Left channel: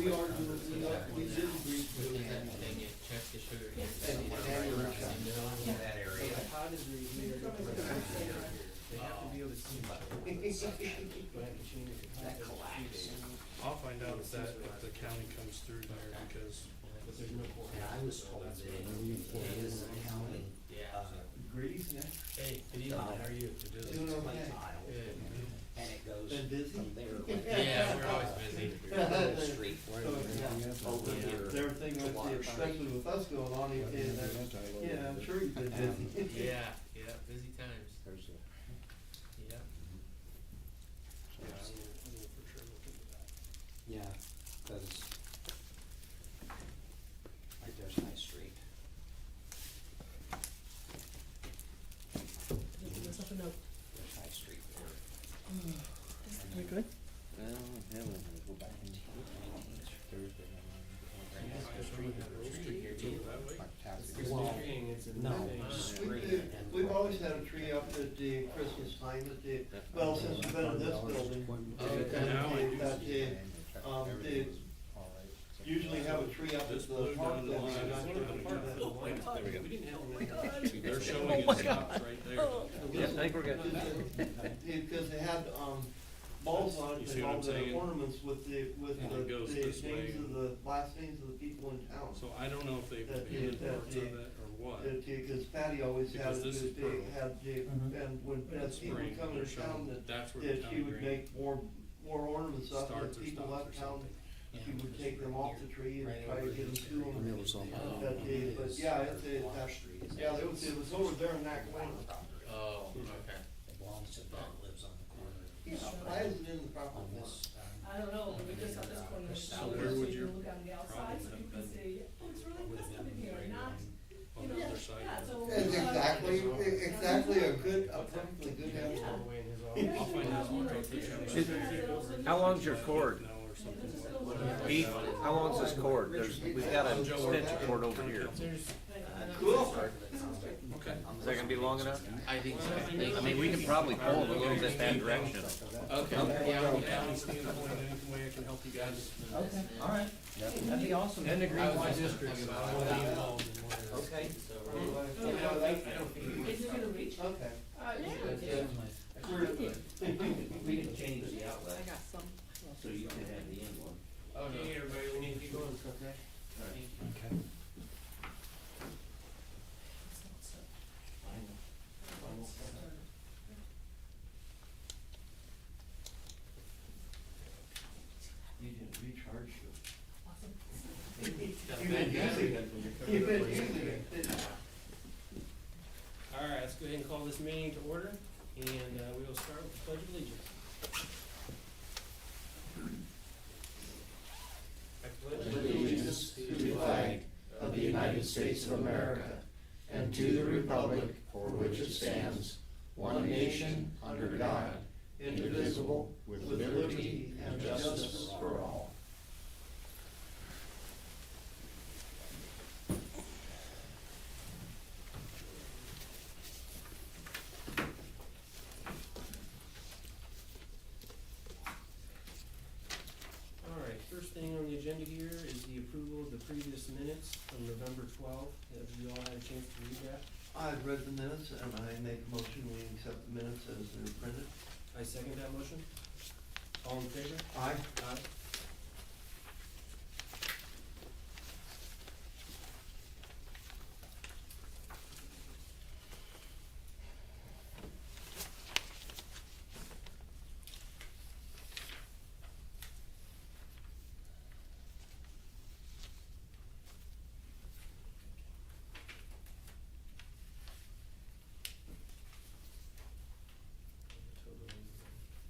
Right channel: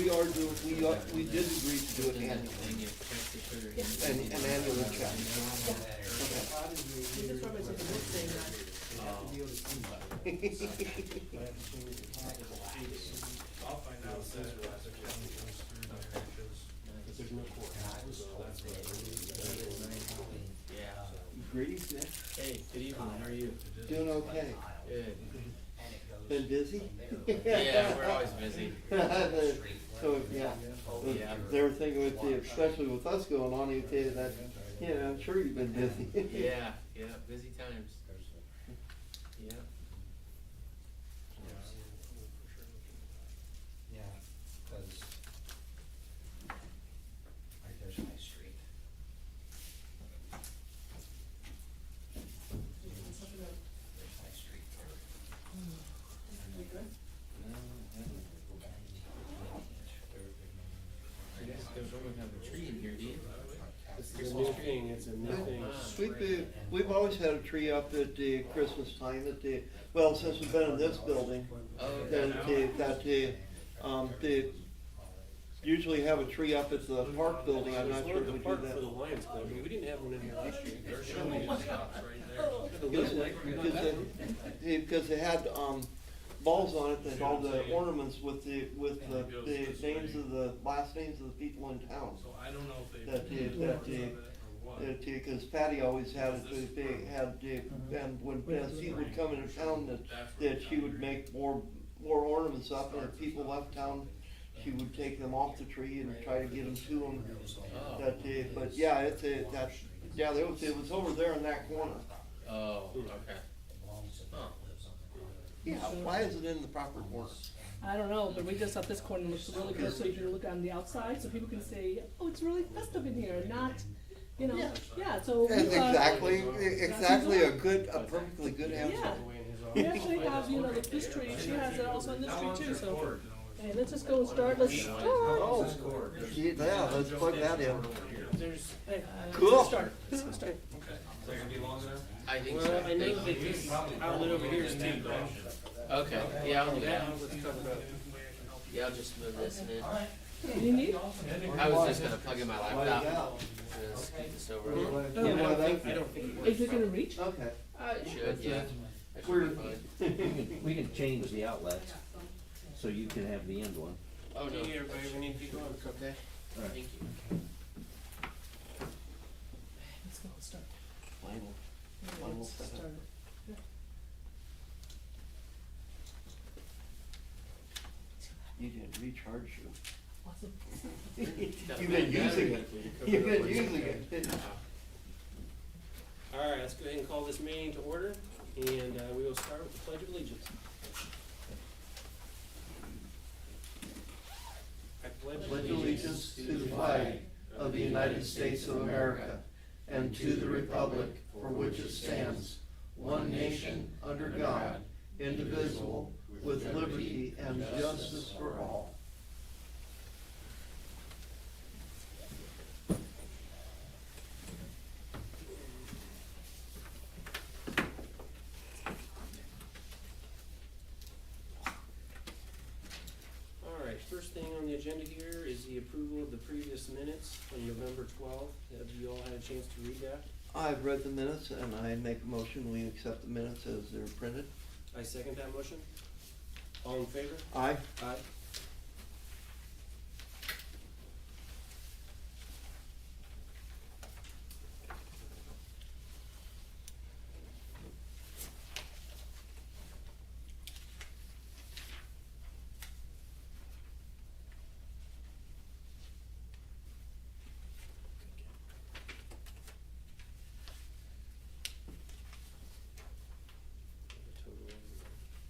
We did agree to do it annually. They get check the sugar. An annual check. They have to be able to see that. I'll find out if that, the county comes through there, because, But there's no court. so that's what I need. Yeah. Greetings, Nick. Hey, good evening, how are you? Doing okay. Good. Been busy? Yeah, we're always busy. So, yeah, they were thinking with the, especially with us going on, okay, that, yeah, I'm sure you've been busy. Yeah, yeah, busy times. Yeah. Yeah, cause right there's my street. There's my street there. You guys don't have a tree in here, do you? It's a new thing, it's a new thing. We've always had a tree up at the Christmas time at the, well, since we've been in this building. And they usually have a tree up at the park building, I'm not sure if The we do park that. for the Lions Club, we didn't have one in here last year. They're showing it right there. Because they had, balls on it and all the ornaments with the names of the, last names of the people in town. So I don't know if they That paid they- more that of they- it or what. Because Patty always had it, they had, and when as people would come into town, that she would make more ornaments up, and if people left town, she would take them off the tree and try to get them to them. But yeah, it was over there in that corner. Oh, okay. Yeah, why is it in the proper corner? I don't know, but we just thought this corner looks really good, so you can look on the outside, so people can say, oh, it's really festive in here, not, you know, yeah, so. That's exactly a perfectly good answer. Yeah. All the way in his We office. actually have, you know, this tree, she has it also in this tree too. How long's your so- cord? Hey, let's just go and start, let's. How long's this cord? Yeah, let's put that in. There's, Hey, Cool. let's start, let's go start. Okay. Is that gonna be long enough? I think so. well, I know We could probably hold it over here in that direction. Okay, yeah, I'll do that. Yeah. Yeah, I'll just move this in. Alright. You need- I was just gonna plug in my laptop. Speak this over. I don't think. Is it gonna reach? Okay. Should, yeah. We can change the outlet, I got some. so you can have the end one. Oh, no. Hey, everybody, we need to get going. Okay. Alright. Thank you. Let's go and start. Mine will start. Start. You didn't recharge you. Awesome. You've been using it. You've been using it. All right, let's go ahead and call this meeting to order, and we will start with the Pledge of Allegiance. I Pledge allegiance to the flag of the United States of America and to the republic for which it stands, one nation, under God, indivisible, with liberty and justice for all. All right, first thing on the agenda here is the approval of the previous minutes from November 12th. Have you all had a chance to read that? I've read the minutes and I make a motion, we accept the minutes as they're printed. I second that motion. All in favor? Aye. Aye.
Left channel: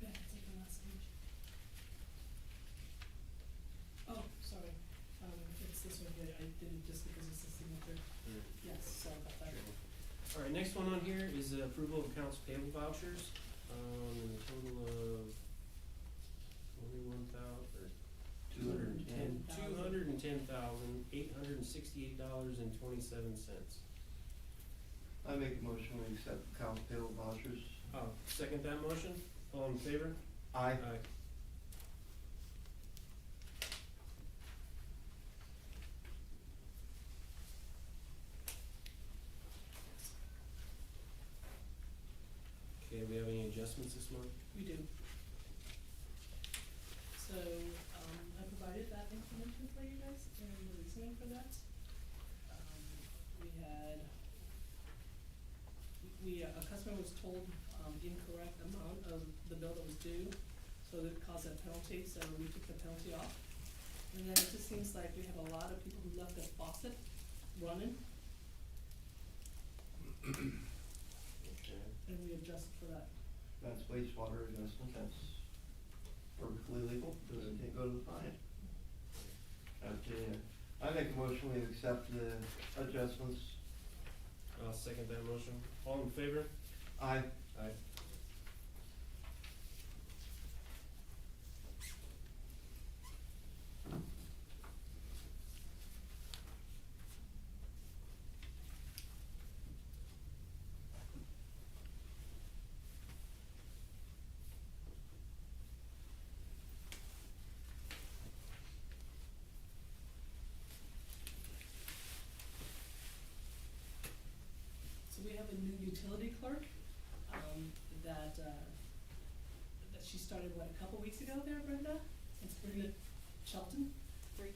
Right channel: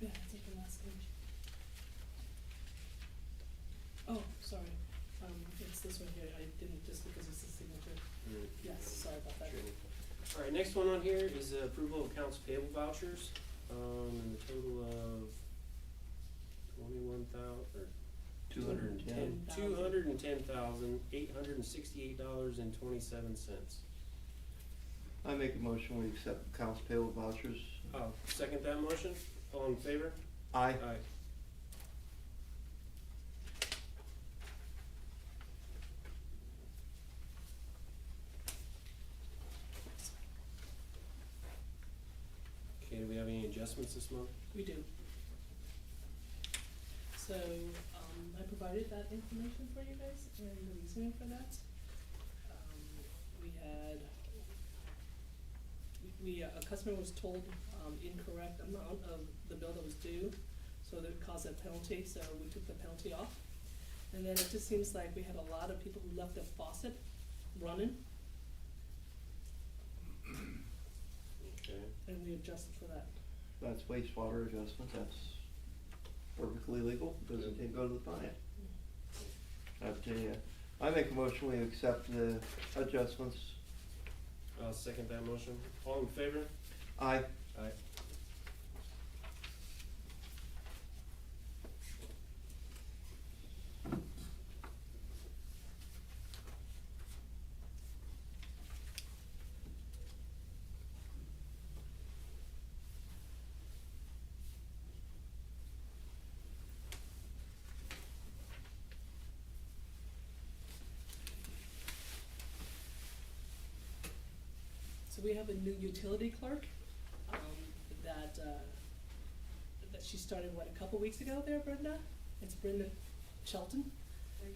Yeah, take the last page. Oh, sorry, it's this one here, I didn't, just because it's the signature. Yes, sorry about that. All right, next one on here is the approval of accounts payable vouchers, in the total of $210,868.27. I make a motion, we accept accounts payable vouchers. I'll second that motion. All in favor? Aye. Aye. adjustments this month? We do. So, I provided that information for you guys and the reasoning for that. We had, a customer was told, incorrect amount of the bill that was due, so that caused a penalty, so we took the penalty off. And then it just seems like we had a lot of people who left their faucet running, Okay. and we adjusted for that. That's wastewater adjustment, that's perfectly legal, doesn't go to the fine. I make a motion, we accept the adjustments. I'll second that motion. All in favor? Aye. Aye. So we have a new utility clerk, that she started, what, a couple weeks ago there, Brenda? It's Brenda Chilton?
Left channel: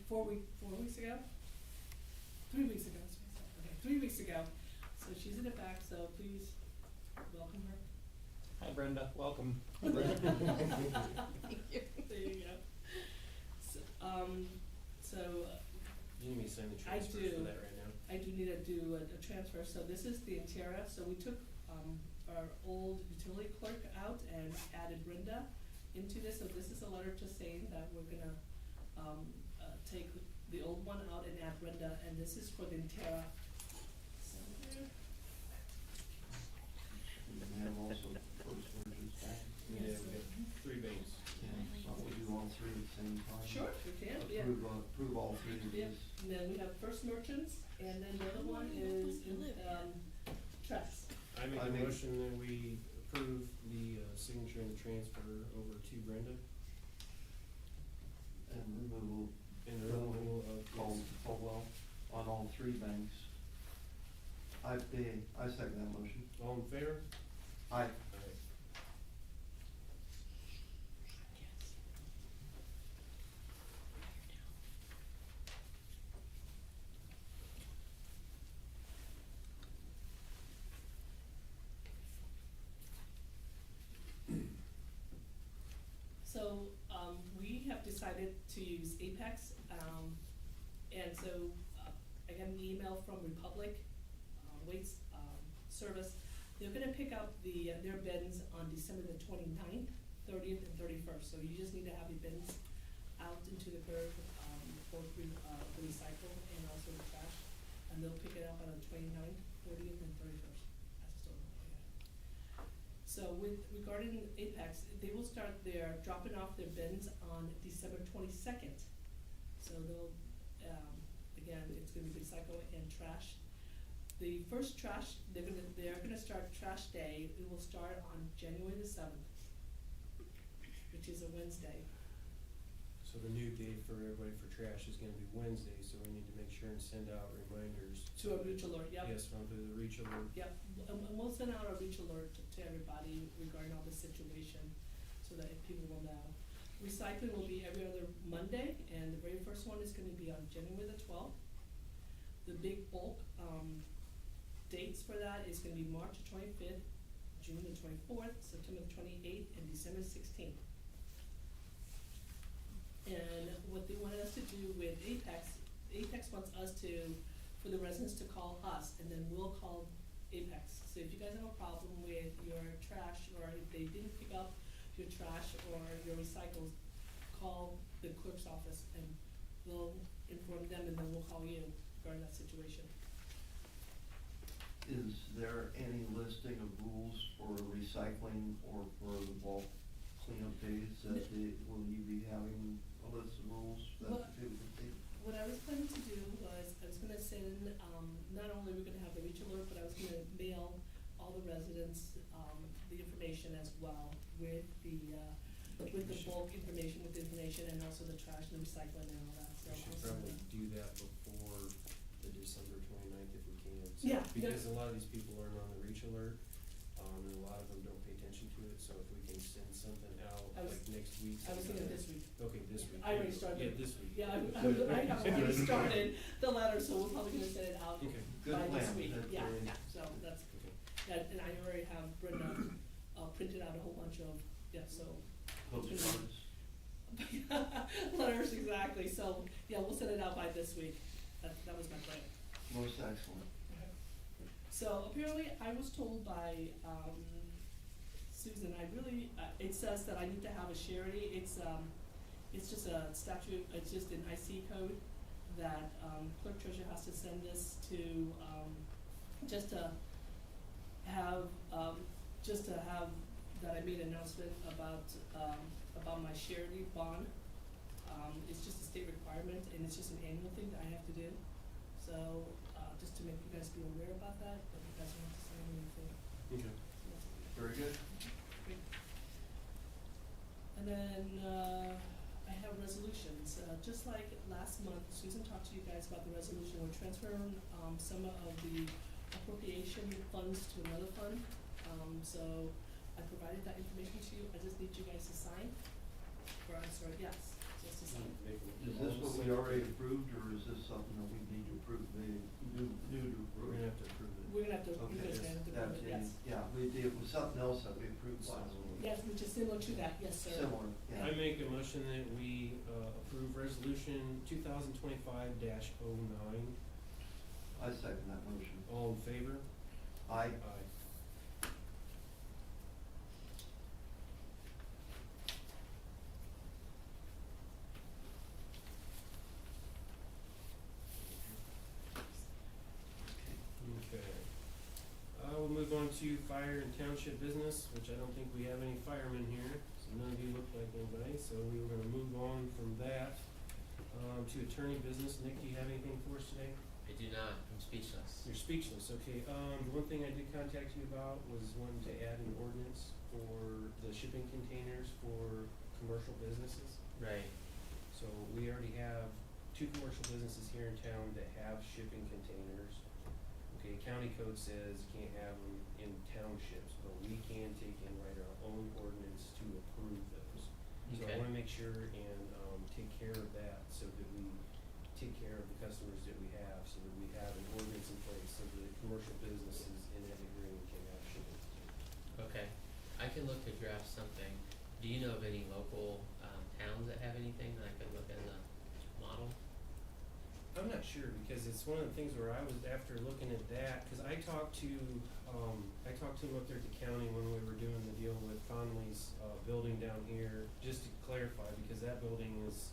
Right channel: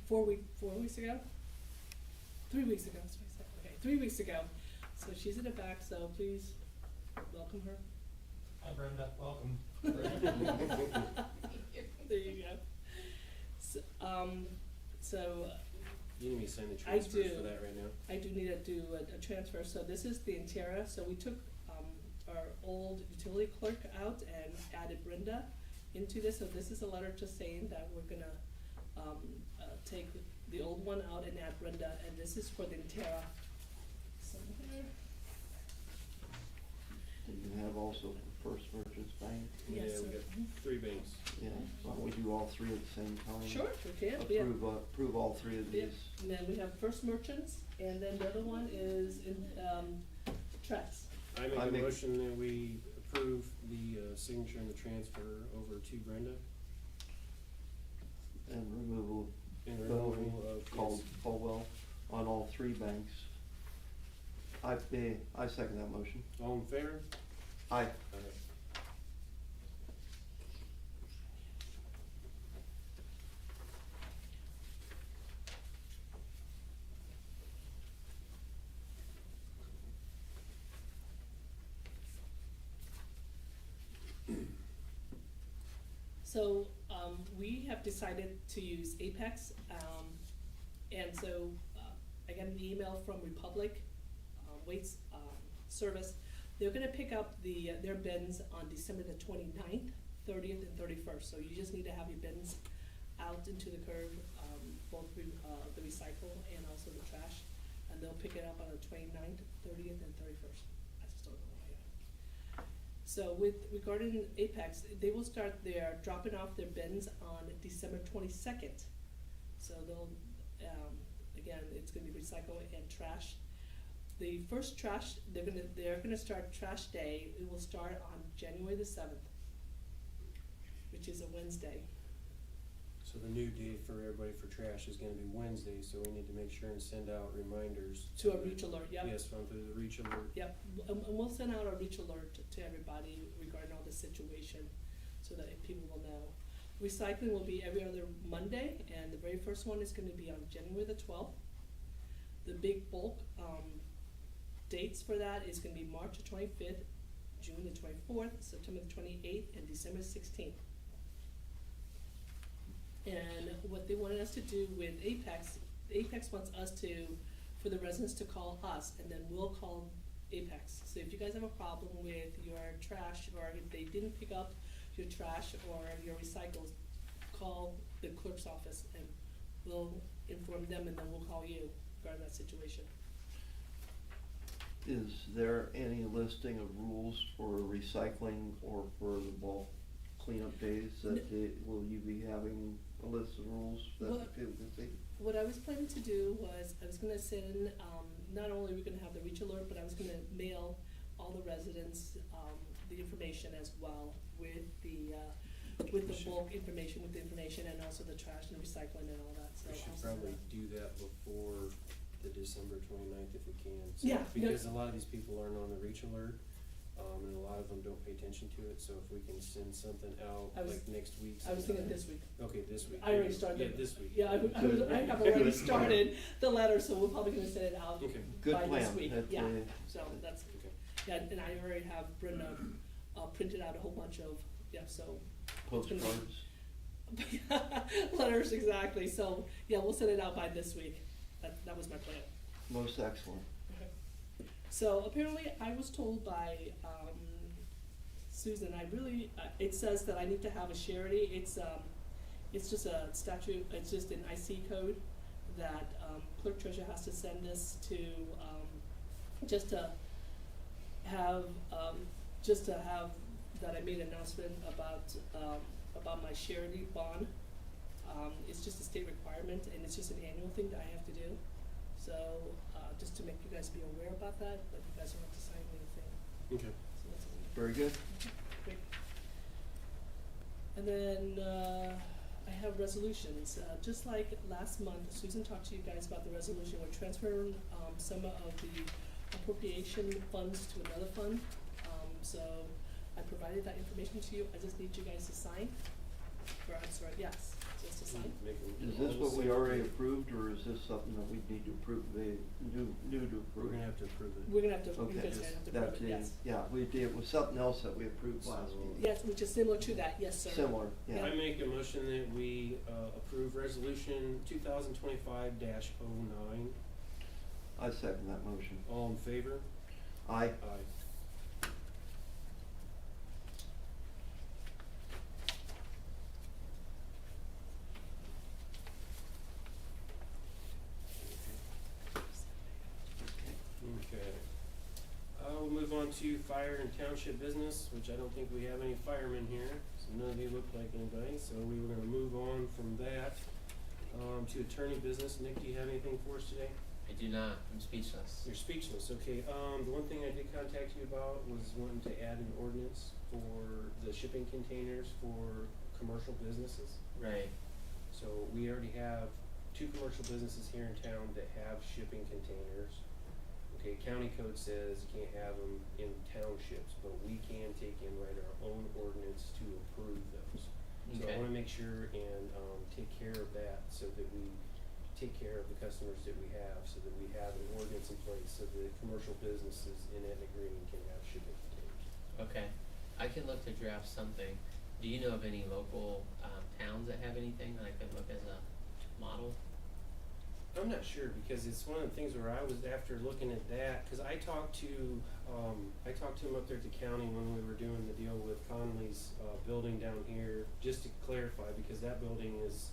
4 weeks ago? 3 weeks ago, that's what I said, okay, 3 weeks ago. So she's in the back, so please welcome her. Hi Brenda, welcome. There you go. So, You need me to sign the I transfers do. for that right now? I do need to do a transfer, so this is the Intera, so we took, our old utility clerk out and added Brenda into this, so this is a letter just saying that we're gonna, take the old one out and add Brenda, and this is for the Intera. So here, You can have also First Merchants Bank. Yeah, Yes, we sir. got 3 banks. Yeah, why don't we do all three at the same time? sure, we can, yeah. Approve all three of Yeah, these. and then we have First Merchants, and then the other one is in, Trex. I I make a make- motion that we approve the signature and the transfer over to Brenda And removal and the Well, removal of Caldwell on all three banks. I second that motion. All in favor? Aye. Aye. So, we have decided to use Apex, and so, I got an email from Republic, Waste, Service. They're gonna pick up their bins on December the 29th, 30th, and 31st, so you just need to have your bins out into the curb, both the recycle and also the trash, and they'll pick it up on the 29th, 30th, and 31st. I just don't know yet. So regarding Apex, they will start their dropping off their bins on December 22nd. So they'll, again, it's gonna be recycle and trash. The first trash, they're gonna start trash day, it will start on January the 7th, which is a Wednesday. So the new date for everybody for trash is gonna be Wednesday, so we need to make sure and send out reminders. To a reach alert, yep. Yes, run through the reach alert. Yep, and we'll send out a reach alert to everybody regarding all the situation, so that people will know. Recycling will be every other Monday, and the very first one is gonna be on January the 12th. The big bulk, dates for that is gonna be March the 25th, June the 24th, September the 28th, and December 16th. And what they wanted us to do with Apex wants us to, for the residents to call us, and then we'll call Apex. So if you guys have a problem with your trash, or if they didn't pick up your trash or your recycles, call the clerk's office, and we'll inform them, and then we'll call you regarding that situation. Is there any listing of rules for recycling or for the bulk cleanup days will you be having a list of rules that Well, people can see? What I was planning to do was, I was gonna send, not only we're gonna have the reach alert, but I was gonna mail all the residents, the information as well with the bulk information, and also the trash and the recycling and all that, so. We should I'll send probably that. do that before the December 29th if we can. So- Yeah, yeah. Because a lot of these people aren't on the reach alert, And a lot of them don't pay attention to it, so if we can send something out, I was- like next week. I was thinking sometime. this week. Okay, this week. I already started. Yeah, this week. Yeah, I have already started the letter, so we're probably gonna send it out Okay, Good by this plan. week, That's, yeah, uh, so that's, okay. yeah, and I already have Brenda, printed out a whole bunch of, yeah, so. Postcards. Letters, exactly, so, yeah, we'll send it out by this week, that was my plan. Most excellent. So apparently I was told by, Susan, I really, it says that I need to have a surety, it's just a statute, it's just an IC code that, Clerk-Treasurer has to send this to, just to have, that I made an announcement about my surety bond. It's just a state requirement, and it's just an annual thing that I have to do. So, just to make you guys be aware about that, but you guys don't have to sign anything, Okay. so that's all. Very good. Great. And then, I have resolutions, just like last month, Susan talked to you guys about the resolution, we're transferring, some of the appropriation funds to another fund. So I provided that information to you, I just need you guys to sign, or I'm sorry, yes, just to sign. Make a- Is this what we already approved, or is this something that we need to approve, new to We're approve? gonna have to approve it. We're gonna have to, you Okay, guys are gonna have to that's approve it, yes. yeah, we did, it was something else that we approved last So- meeting. Yes, which is similar to that, yes, sir. Similar, yeah. I make a motion that we, approve resolution 2025-09. I second that motion. All in favor? Aye. Aye. Okay. We'll move on to fire and township business, which I don't think we have any firemen here, so none of you look like anybody, so we were gonna move on from that, to attorney business. Nick, do you have anything for us today? I do not, I'm speechless. You're speechless, okay. The one thing I did contact you about was wanting to add an ordinance for the shipping containers for commercial businesses. Right, So we already have 2 commercial businesses here in town that have shipping containers. Okay, county code says you can't have them in townships, but we can take and write our own ordinance to approve those. So I Okay. wanna make sure and, take care of that so that we take care of the customers that we have, so that we have an ordinance in place so the commercial businesses in Etna Green can have shipping containers. okay. I can look to draft something. Do you know of any local, towns that have anything that I could look as a model? I'm not sure, because it's one of the things where I was, after looking at that, cause I talked to him up there at the county when we were doing the deal with Conley's, building down here, just to clarify, because that building is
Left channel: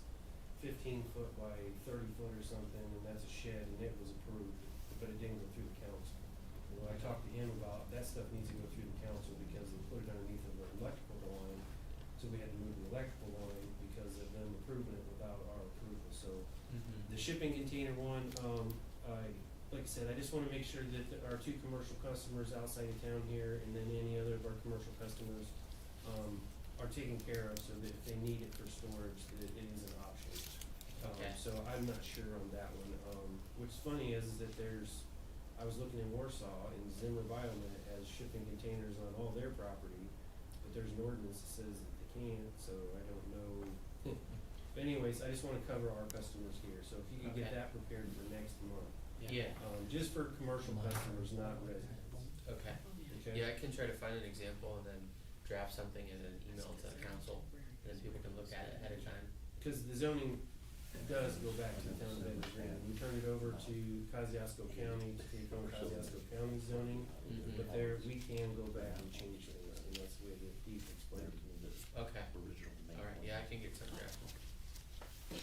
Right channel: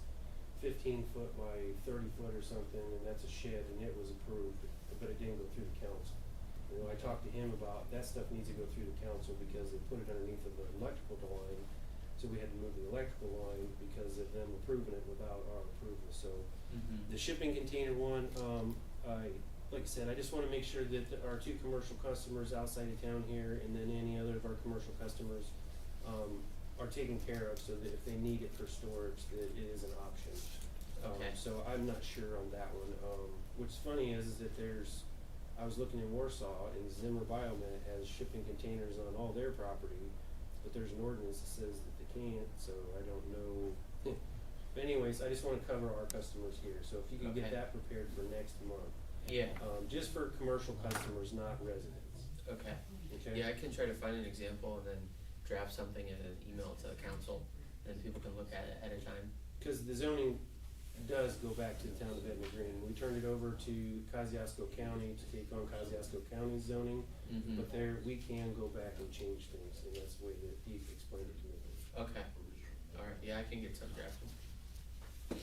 15 foot by 30 foot or something, and that's a shed, and it was approved, but it didn't go through the council. You know, I talked to him about, that stuff needs to go through the council, because they put it underneath of the electrical line, so we had to move the electrical line because of them approving it without our approval, so. Mm-hmm. The shipping container one, like I said, I just wanna make sure that our 2 commercial customers outside of town here, and then any other of our commercial customers, are taken care of, so that if they need it for storage, that it is an option. Okay. So I'm not sure on that one. What's funny is that I was looking in Warsaw, and Zimmer Biomet has shipping containers on all their property, but there's an ordinance that says that they can't, so I don't know. But anyways, I just wanna cover our customers here, so if you can get Okay. that prepared for next month. Yeah, Just for commercial customers, not residents, okay. okay? Yeah, I can try to find an example and then draft something and then email it to the council, and then people can look at it ahead of time. Cause the zoning does go back to the town of Etna Green. We turned it over to Kosciuszko County to take on Kosciuszko County's zoning, Mm-hmm. but there, we can go back and change things, and that's the way that Deep explained it to me. Okay, alright, yeah, I can get some drafted. Okay.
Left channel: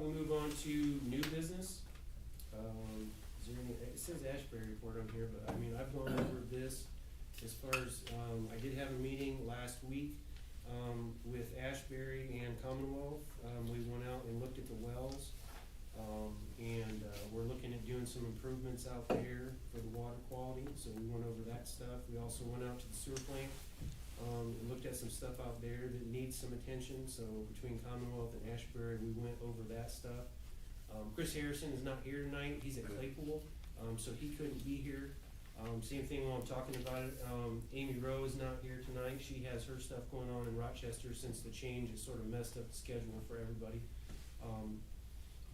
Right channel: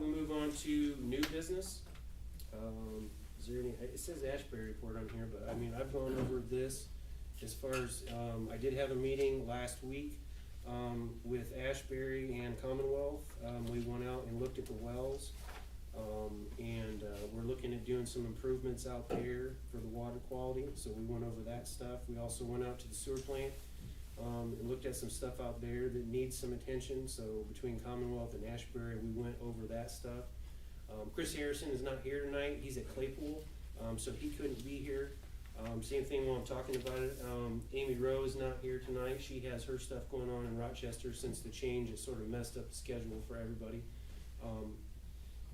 We move on to new business. Is there any, it says Astbury Report on here, but I mean, I've gone over this as far as, I did have a meeting last week, with Astbury and Commonwealth. We went out and looked at the wells, and, we're looking at doing some improvements out there for the water quality, so we went over that stuff. We also went out to the sewer plant, and looked at some stuff out there that needs some attention, so between Commonwealth and Ashbury, we went over that stuff. Chris Harrison is not here tonight, he's at Claypool, so he couldn't be here. Same thing while I'm talking about it, Amy Rowe is not here tonight, she has her stuff going on in Rochester since the change, it sort of messed up the schedule for everybody.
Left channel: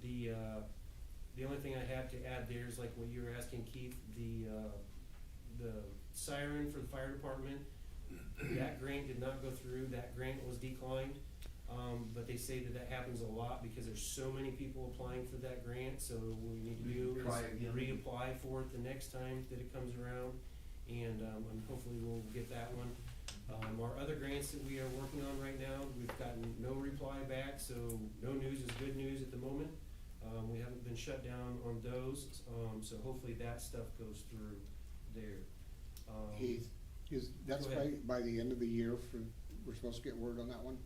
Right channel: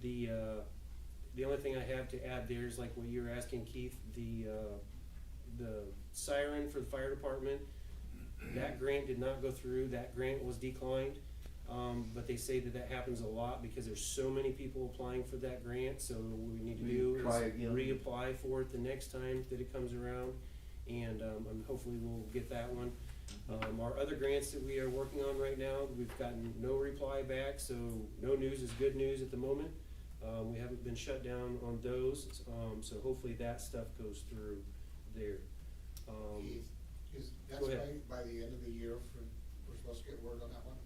The only thing I have to add there is like what you were asking, Keith, the siren for the fire department, that grant did not go through, that grant was declined. But they say that that happens a lot because there's so many people applying for that grant, so what we need to do Try is again. reapply for it the next time that it comes around, and hopefully we'll get that one. Our other grants that we are working on right now, we've gotten no reply back, so no news is good news at the moment. We haven't been shut down on those, so hopefully that stuff goes through there. That's Go ahead. by the end of the year we're supposed to get word on that one?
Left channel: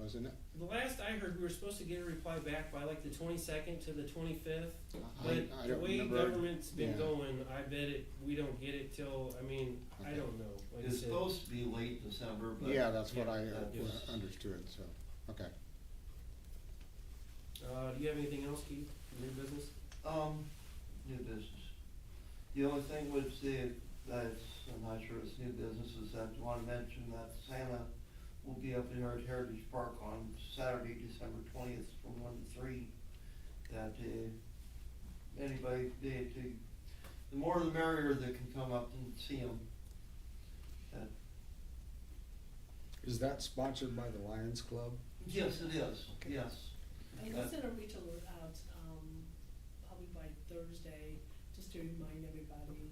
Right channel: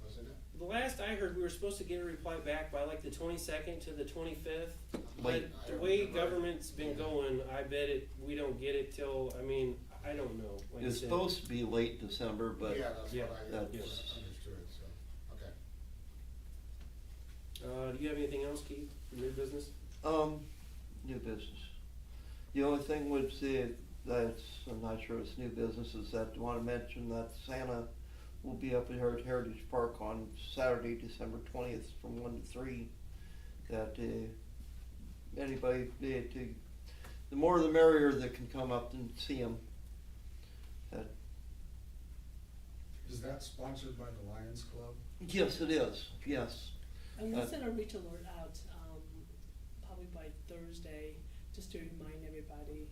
Wasn't it? The last I heard, we were supposed to get a reply back by like the 22nd to the 25th. But I the don't way remember. government's been Yeah. going, I bet we don't get it till, I mean, I don't know. Like I It's said, supposed to be late December, but Yeah, that's Yeah, what I that's- understood, so, okay. do you have anything else, Keith, for new business? New business. The only thing would say that's, I'm not sure it's new business, is that I wanna mention that Santa will be up here at Heritage Park on Saturday, December 20th from 1 to 3. That, anybody, the more the merrier that can come up and see him. Is that sponsored by the Lions Club? Yes, it is, yes. I'm gonna send a reach alert out, probably by Thursday, just to remind everybody,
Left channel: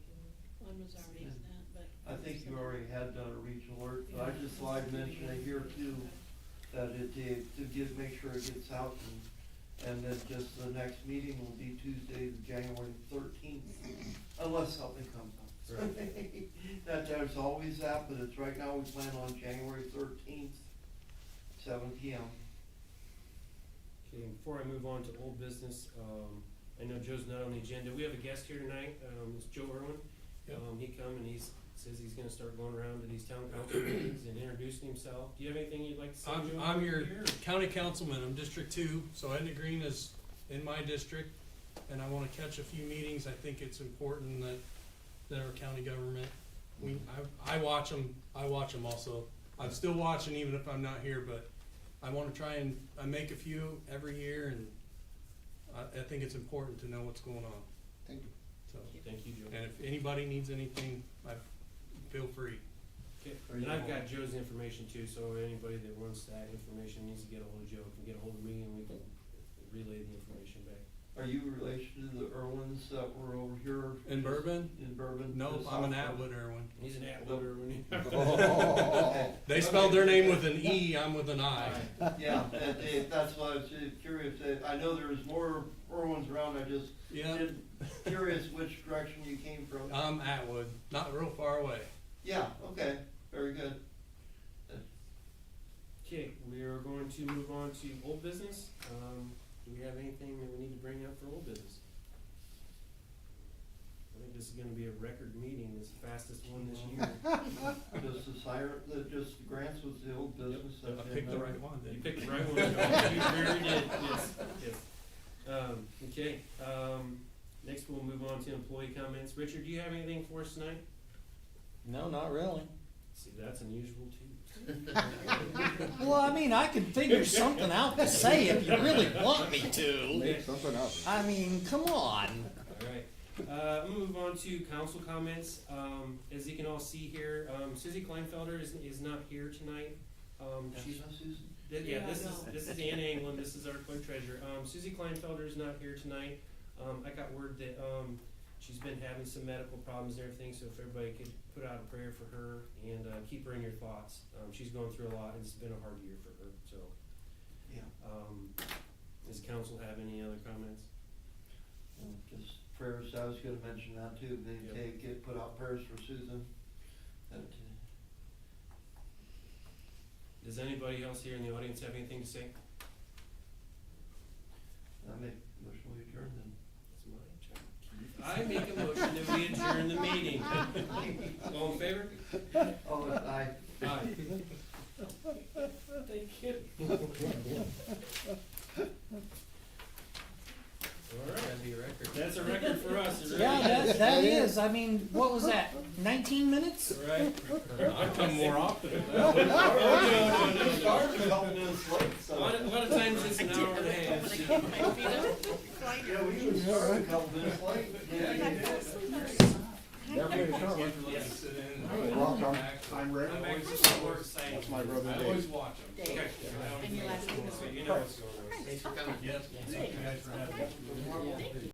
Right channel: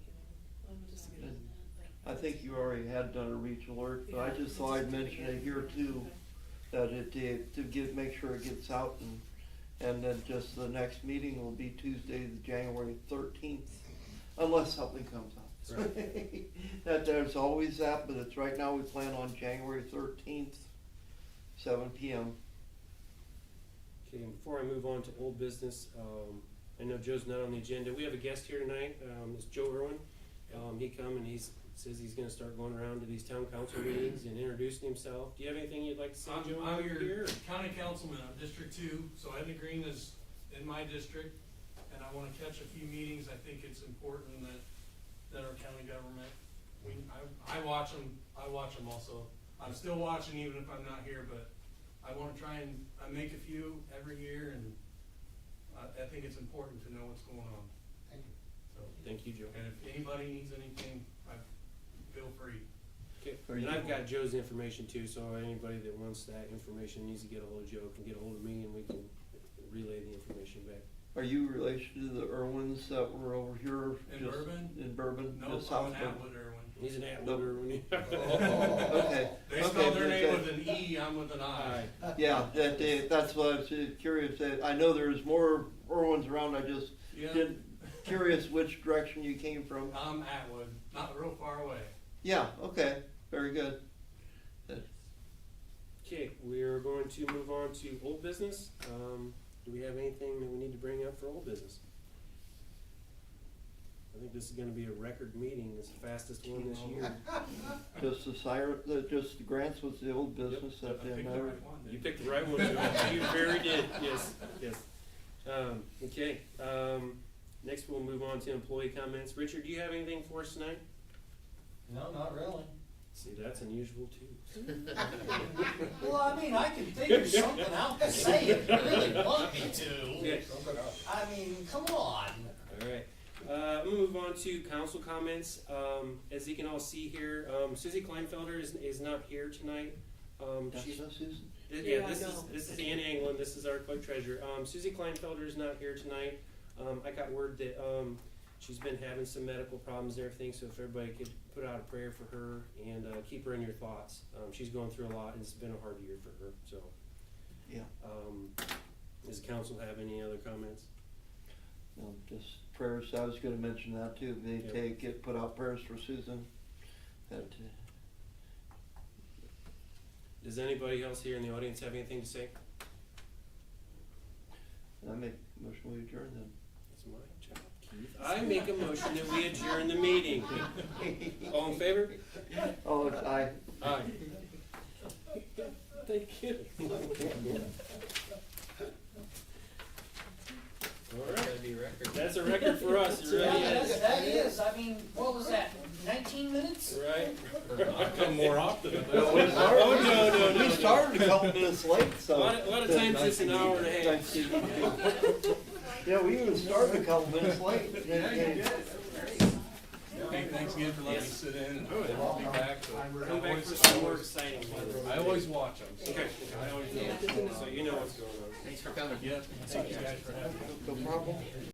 When was our meeting then? I think you already had done a reach alert, but I Yeah. just thought I'd mention it here too, that make sure it gets out, and then just the next meeting will be Tuesday, January 13th, unless something comes up. That there's always that, but it's right now we plan on January 13th, 7 p.m. Okay, and before I move on to old business, I know Joe's not on the agenda. We have a guest here tonight, it's Joe Irwin. He come and says he's gonna start going around to these town council meetings and introducing himself. Do you have anything you'd like to say, Joe? I'm your here? county councilman, I'm District 2, so Etna Green is in my district, and I wanna catch a few meetings. I think it's important that our county government, I watch them also. I'm still watching even if I'm not here, but I wanna try and, I make a few every year, and I think it's important to know what's going on, Thank you. so. Thank you, Joe. And if anybody needs anything, feel free. Okay, and I've got Joe's information too, so anybody that wants that information needs to get a hold of Joe, can get a hold of me and we can relay the information back. Are you relation to the Irwins that were over here? In just Bourbon? In Bourbon? No, just I'm an south of- Atwood Irwin. He's an Atwooder when he. Okay. They Okay, spelled their name good. with an E, I'm with an I. Yeah, that's why I was curious, I know there's more Irwins around, I just Yeah, curious which direction you came from. I'm Atwood, not real far away. Yeah, okay, very good. Okay, we are going to move on to old business. Do we have anything that we need to bring up for old business? I think this is gonna be a record meeting, it's the fastest one this year. Just the siren, just the grants was the old business I that they picked the never. right one, You didn't picked the right one, Joe. You very did, yes. Okay, next we'll move on to employee comments. Richard, do you have anything for us tonight? No, not really. See, that's unusual too. Well, I mean, I can figure something out to say if you really want me to. Okay. Something else. I mean, come on. Alright, I'm gonna move on to council comments. As you can all see here, Susie Klinfelter is not here tonight. That's She's, not Susan? yeah, I this know. is Ann Anglin, this is our Clerk-Treasurer. Susie Klinfelter is not here tonight. I got word that, she's been having some medical problems and everything, so if everybody could put out a prayer for her and, keep her in your thoughts. She's going through a lot and it's been a hard year for her, so. Yeah. Does the council have any other comments? No, just prayers, I was gonna mention that too, they put out prayers for Susan. That, Does anybody else here in the audience have anything to say? I make motion we adjourn then. It's my job, Keith. I make a motion that we adjourn the meeting. All in favor? Oh, aye. Aye. Thank you. Alright, That'd be a record. that's a record for us, you ready? Yeah, that is, I mean, what was that, 19 minutes? Right? I come more often than that. Oh, no, We started a couple minutes late, A so. lot of times it's an hour and a half. Yeah, we even started a couple minutes late. Hey, thanks again for letting me sit in and welcome back. Come back for some more exciting ones. I always watch them. Okay. I always know what's going on. So you know what's going on. Thanks for coming. Yep, thank you guys for having me. No problem.